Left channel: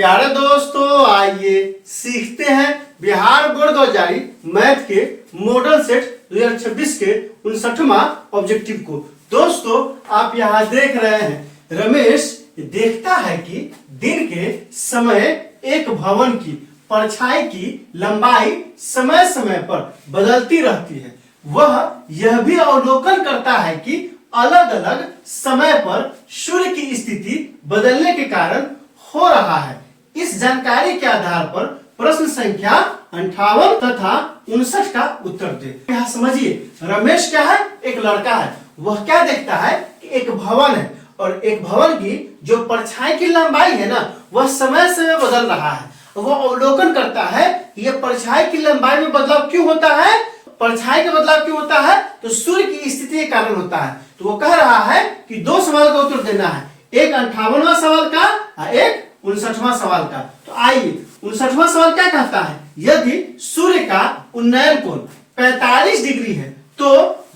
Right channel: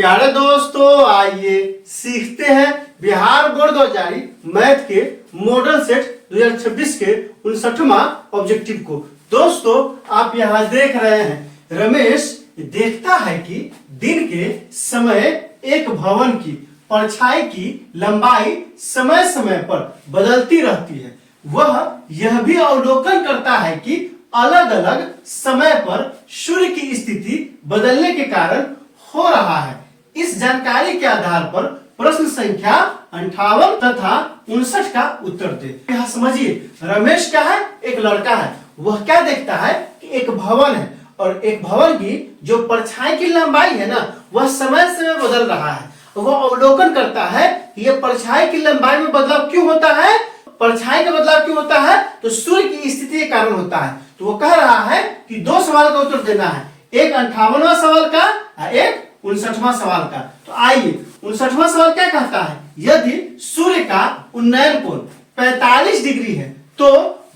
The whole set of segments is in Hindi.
प्यारे दोस्तों, आइए सीखते हैं बिहार बोर्ड 2000 मैथ के मॉडल सेट 2026 के 59वां ऑब्जेक्टिव को। दोस्तों, आप यहाँ देख रहे हैं रमेश देखता है कि दिन के समय एक भवन की परछाई की लंबाई समय समय पर बदलती रहती है। वह यह भी अवलोकन करता है कि अलग अलग समय पर सूर्य की स्थिति बदलने के कारण हो रहा है। इस जानकारी के आधार पर प्रश्न संख्या 58 तथा 59 का उत्तर दे। यहाँ समझिए, रमेश क्या है? एक लड़का है। वह क्या देखता है कि एक भवन है और एक भवन की जो परछाई की लंबाई है ना, वह समय समय बदल रहा है। वह अवलोकन करता है कि यह परछाई की लंबाई में बदलाव क्यों होता है। परछाई का बदलाव क्यों होता है? तो सूर्य की स्थिति के कारण होता है। तो वो कह रहा है कि दो सवाल का उत्तर देना है, एक 58वां सवाल का और एक 59वां सवाल का। तो आइए, 59वां सवाल क्या कहता है? यदि सूर्य का उन्नयन कोण 45 डिग्री है तो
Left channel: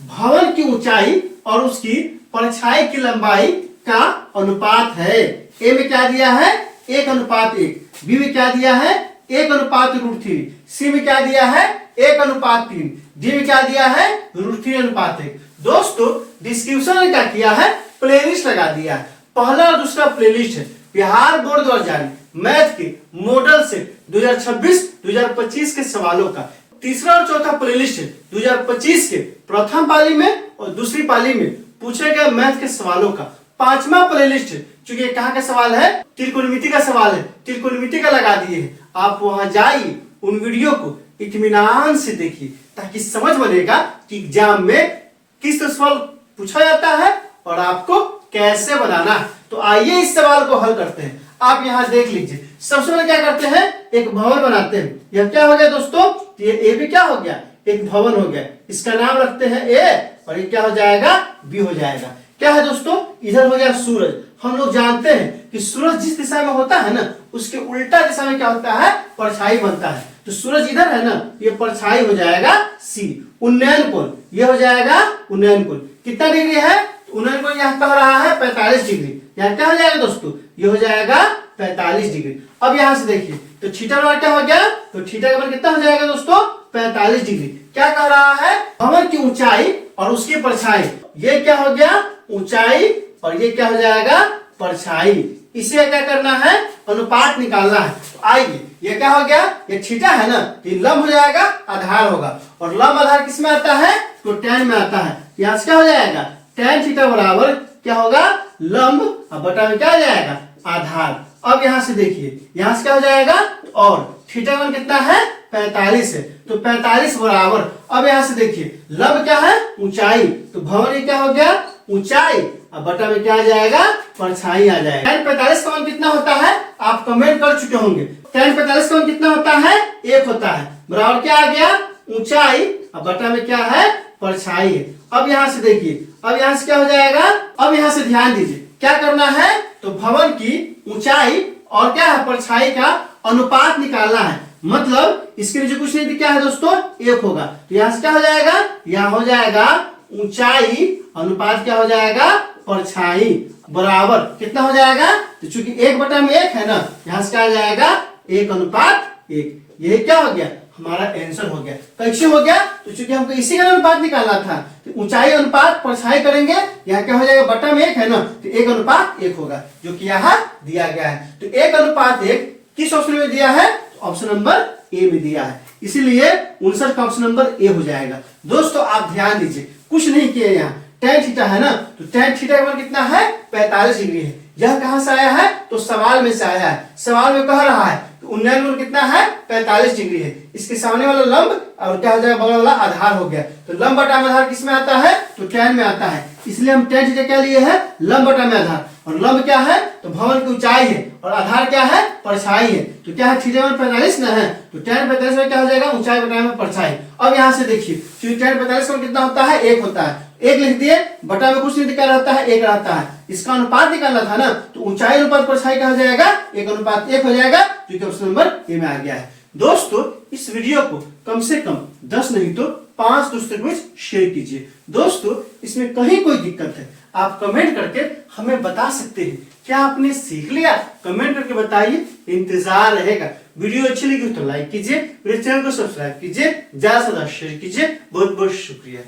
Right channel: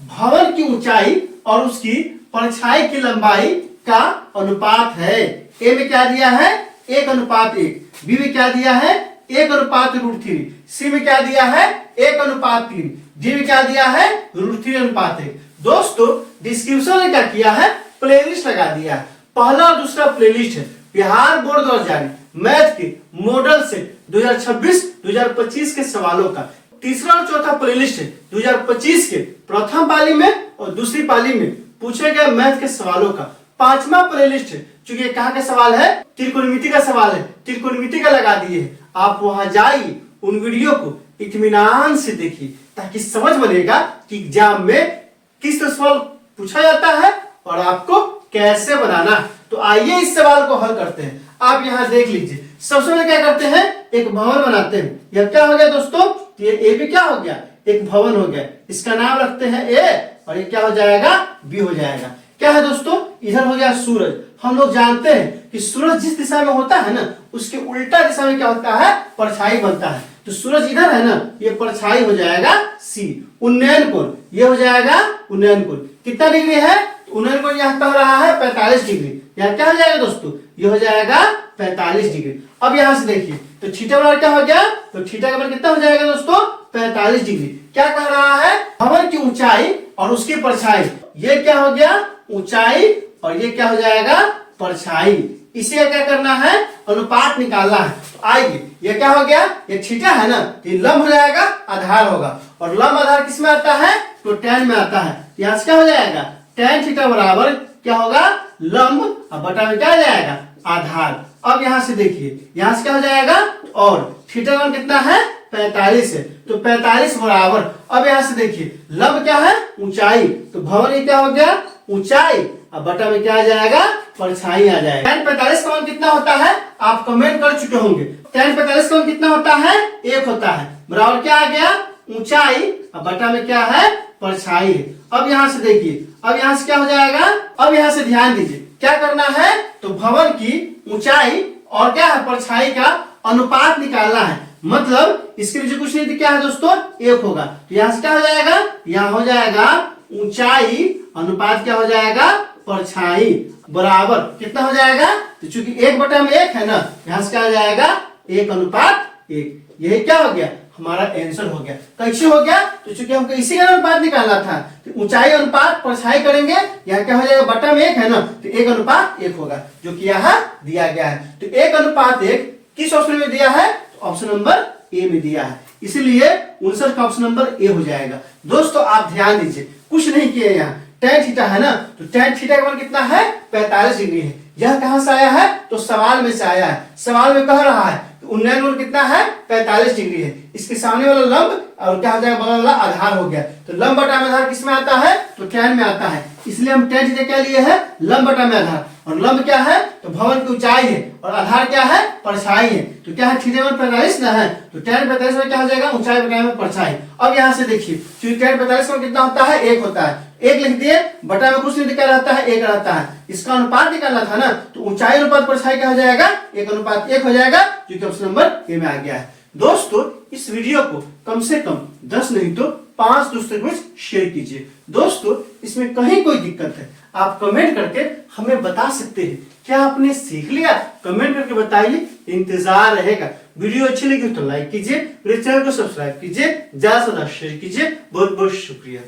भवन की ऊंचाई और उसकी परछाई की लंबाई का अनुपात है। ए में क्या दिया है? 1:1। बी में क्या दिया है? 1:√3। सी में क्या दिया है? 1:3। डी में क्या दिया है? √3:1। दोस्तों, डिस्क्रिप्शन में क्या किया है? प्लेलिस्ट लगा दिया है। पहला और दूसरा प्लेलिस्ट है बिहार बोर्ड 2000 मैथ के मॉडल सेट 2026-2025 के सवालों का। तीसरा और चौथा प्लेलिस्ट है 2025 के प्रथम पाली में और दूसरी पाली में पूछे गए मैथ के सवालों का। पांचवा प्लेलिस्ट है, चूंकि कहाँ का सवाल है? त्रिकोणमिति का सवाल है, त्रिकोणमिति का लगा दिए है। आप वहां जाइए, उन वीडियो को इत्मीनान से देखिए ताकि समझ बनेगा कि एग्जाम में किस तरह सवाल पूछा जाता है और आपको कैसे बनाना है। तो आइए इस सवाल को हल करते हैं। आप यहाँ देख लीजिए, सबसे पहले क्या करते हैं? एक भवन बनाते हैं। यह क्या हो गया दोस्तों? ये ए भी क्या हो गया? एक भवन हो गया। इसका नाम रखते हैं ए और ये क्या हो जाएगा? बी हो जाएगा। क्या है दोस्तों? इधर हो गया सूरज। हम लोग जानते हैं कि सूरज जिस दिशा में होता है ना, उसके उल्टा दिशा में क्या होता है? परछाई बनता है। तो सूरज इधर है ना, ये परछाई हो जाएगा सी। उन्नयन कोण ये हो जाएगा उन्नयन कोण कितना डिग्री है? उन्नयन कोण यहाँ कह रहा है 45 डिग्री। यहाँ क्या हो जाएगा दोस्तों? ये हो जाएगा 45 डिग्री। अब यहाँ से देखिए, तो थीटा का मान क्या हो गया? तो थीटा का मान कितना हो जाएगा दोस्तों? 45 डिग्री। क्या कह रहा है? भवन की ऊंचाई और उसकी परछाई। ये क्या हो गया? ऊंचाई और ये क्या हो जाएगा? परछाई। इसे क्या करना है? अनुपात निकालना है। तो आइए, ये क्या हो गया? ये थीटा है ना, तो ये लंब हो जाएगा, आधार होगा। और लंब आधार किस में आता है? तो tan में आता है। यहाँ से क्या हो जाएगा? tan थीटा बराबर क्या होगा? लंब और बटा में क्या हो जाएगा? आधार। अब यहाँ से देखिए, यहाँ से क्या हो जाएगा? और थीटा मान कितना है? 45 है। तो 45 बराबर, अब यहाँ से देखिए, लंब क्या है? ऊंचाई। तो भवन ये क्या हो गया? ऊंचाई और बटा में क्या आ जाएगा? परछाई आ जाएगा। tan 45 का मान कितना होता है? आप कमेंट कर चुके होंगे। tan 45 का मान कितना होता है? 1 होता है। बराबर क्या आ गया? ऊंचाई और बटा में क्या है? परछाई है। अब यहाँ से देखिए, अब यहाँ से क्या हो जाएगा? अब यहाँ से ध्यान दीजिए, क्या करना है? तो भवन की ऊंचाई और क्या है? परछाई का अनुपात निकालना है। मतलब इसके नीचे कुछ नहीं, क्या है दोस्तों? 1 होगा। तो यहाँ से क्या हो जाएगा? यहाँ हो जाएगा ऊंचाई अनुपात क्या हो जाएगा? परछाई बराबर कितना हो जाएगा? तो चूंकि 1/1 है ना, यहाँ से क्या आ जाएगा? 1:1। यही क्या हो गया? हमारा आंसर हो गया। कैसे हो गया? तो चूंकि हमको इसी का अनुपात निकालना था, तो ऊंचाई अनुपात परछाई करेंगे। यहाँ क्या हो जाएगा? बटा में 1 है ना, तो 1:1 होगा, जो कि यहाँ दिया गया है। तो 1:1 किस ऑप्शन में दिया है? ऑप्शन नंबर ए में दिया है, इसीलिए 59 का ऑप्शन नंबर ए हो जाएगा। दोस्तों, आप ध्यान दीजिए, कुछ नहीं किया। यहाँ tan थीटा है ना, तो tan थीटा का मान कितना है? 45 डिग्री है। यह कहां से आया है? तो सवाल में से आया है। सवाल में कह रहा है उन्नयन कोण कितना है? 45 डिग्री है। इसके सामने वाला लंब और क्या हो जाएगा? बगल वाला आधार हो गया। तो लंब बटा में आधार किस में आता है? तो tan में आता है। इसलिए हम tan थीटा क्या लिए है? लंब बटा में आधार। और लंब क्या है? तो भवन की ऊंचाई है और आधार क्या है? परछाई है। तो क्या है? थीटा में 45 ना है, तो tan 45 में क्या हो जाएगा? ऊंचाई बटा में परछाई। अब यहाँ से देखिए, क्योंकि tan 45 में कितना होता है? 1 होता है। 1 लिख दिए, बटा में कुछ नहीं, क्या रहता है? 1 रहता है। इसका अनुपात निकालना था ना, तो ऊंचाई अनुपात परछाई क्या हो जाएगा? 1:1 हो जाएगा, जो कि ऑप्शन नंबर ए में आ गया है। दोस्तों, इस वीडियो को कम से कम 10 नहीं तो 5 दोस्तों के बीच शेयर कीजिए। दोस्तों, इसमें कहीं कोई दिक्कत है, आप कमेंट करके हमें बता सकते हैं। क्या आपने सीख लिया? कमेंट करके बताइए, इंतजार रहेगा। वीडियो अच्छी लगी तो लाइक कीजिए, मेरे चैनल को सब्सक्राइब कीजिए, ज्यादा से ज्यादा शेयर कीजिए। बहुत बहुत शुक्रिया।